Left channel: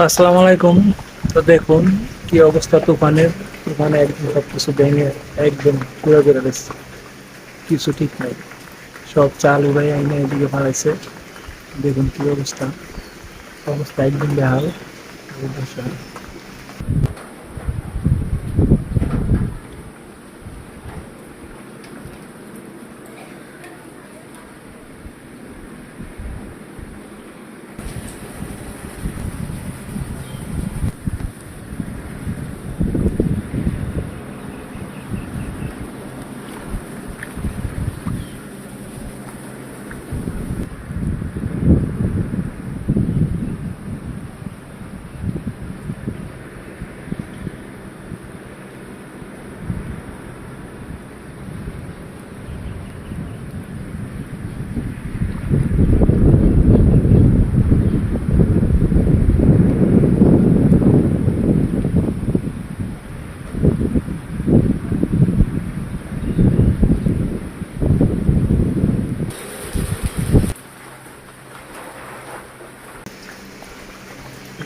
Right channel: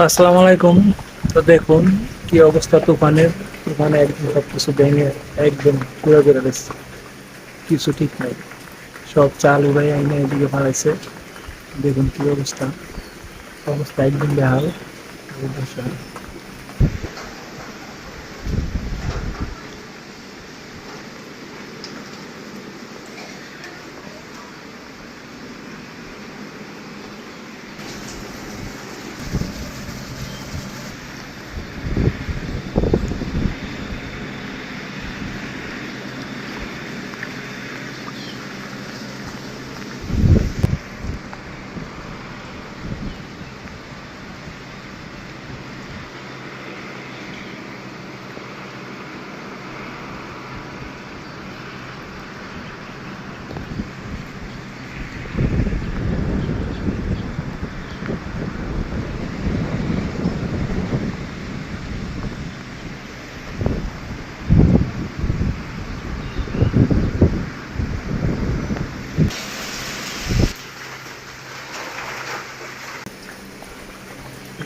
আসসালামু আলাইকুম। তো দেখুন, কি অবস্থা তুফানের? তুফানে একদম সব কিছু ভেঙে একদম ঘুরে ঘুরে দিচ্ছে কিছু ঠিক নাই। সব চাল উড়াই আইনে এদিকে ফাড়াইছে দেখুন কি অবস্থা। অবস্থা একদম বেহাল।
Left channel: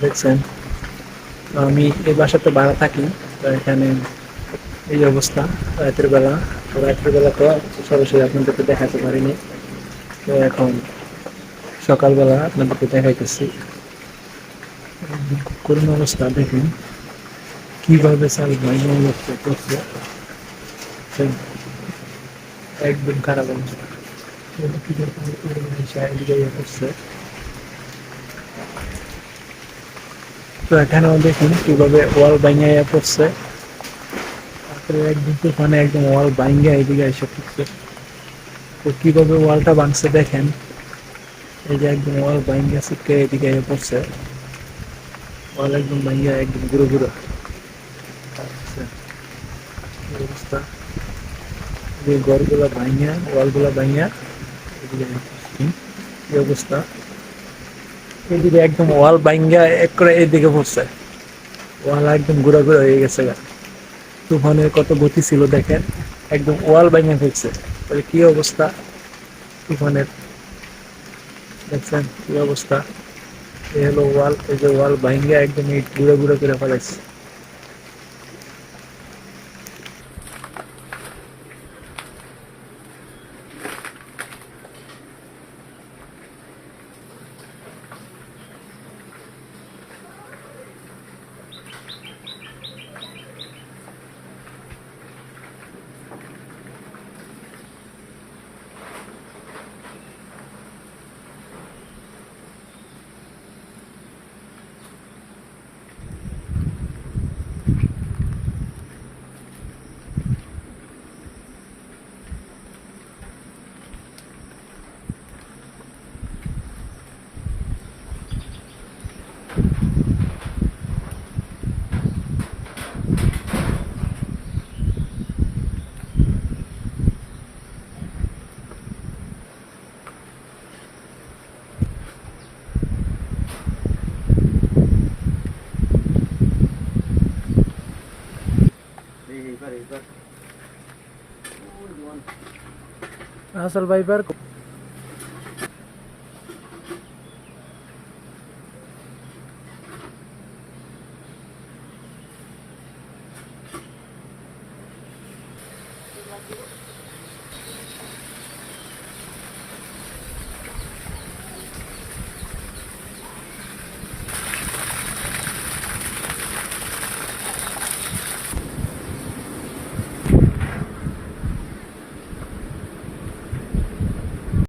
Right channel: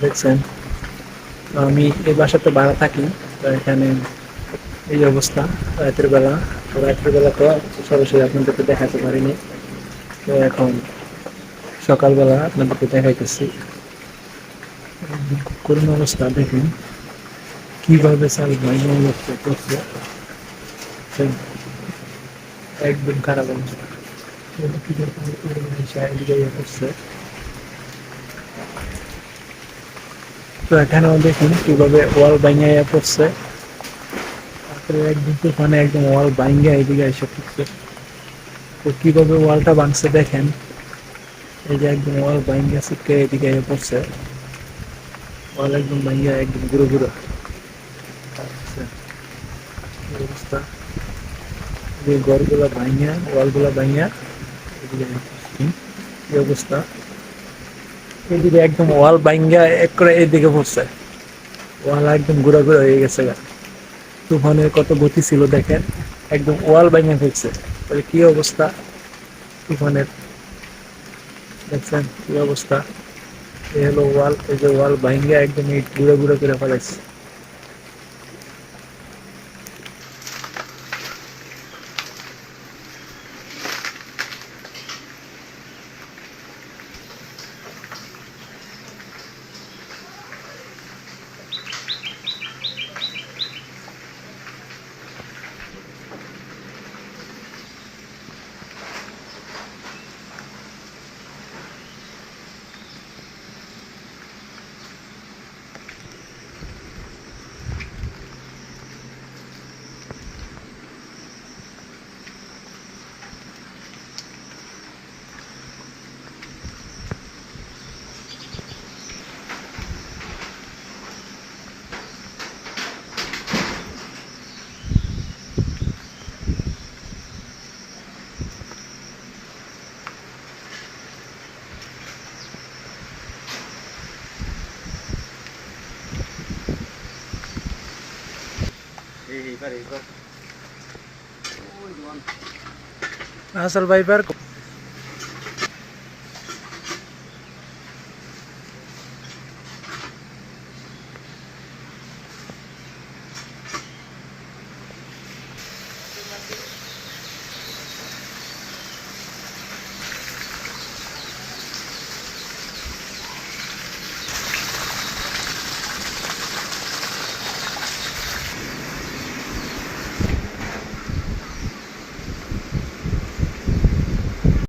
দেখছেন। আমি এই বাসাতে ভাড়া থাকি, তো এখানে এই অবস্থা, রাতের বেলা। তো রাতের বেলা তো সরাসরি আপনাদেরকে দেখাতে পারিনি। তো এখন সকালবেলা আপনাদেরকে দেখাইতেছি। করুণ অবস্থা, দেখুন। কীভাবে চাল অবস্থা করছে। একদম খারাপ অবস্থা। করছে। তো এখানেও দেখুন কীভাবে ওয়াল ভাঙিয়ে পড়ছে। তারপরে একদম তুফানে একদম ওয়াল ভাঙিয়ে এদিকে এসে পড়ছে। তো কীভাবে ওয়ালটা ভাঙছে দেখেন। এই যে একদম ওয়াল ভাঙিয়ে ছিটকে এদিকে এসে পড়ছে। ওয়াল একদম ভাঙিয়ে একদম গুঁড়ো আচ্ছা, অবস্থা। যে ঘরগুলো ভাঙিয়া ওয়ালগুলো ভাঙিয়া এদিকে। কি অবস্থা। এদিকে একদম ওয়াল বাইঙ্গা এক করে এদিকে পড়ছে। ওয়াল একদম ঘুরা ঘুরা হয়ে গেছে। তুফানের কত গতি ছিল দেখেন, একদম ওয়াল বাইঙ্গা ফেলছে তাহলে কি অবস্থা? তুফানের, দেখছেন কি অবস্থা? এ হলো ওয়াল, এই যে ওয়াল বাইঙ্গা একদম এই ঘুরে ঘুরে করে ফেলাইছে करेगा भाई पर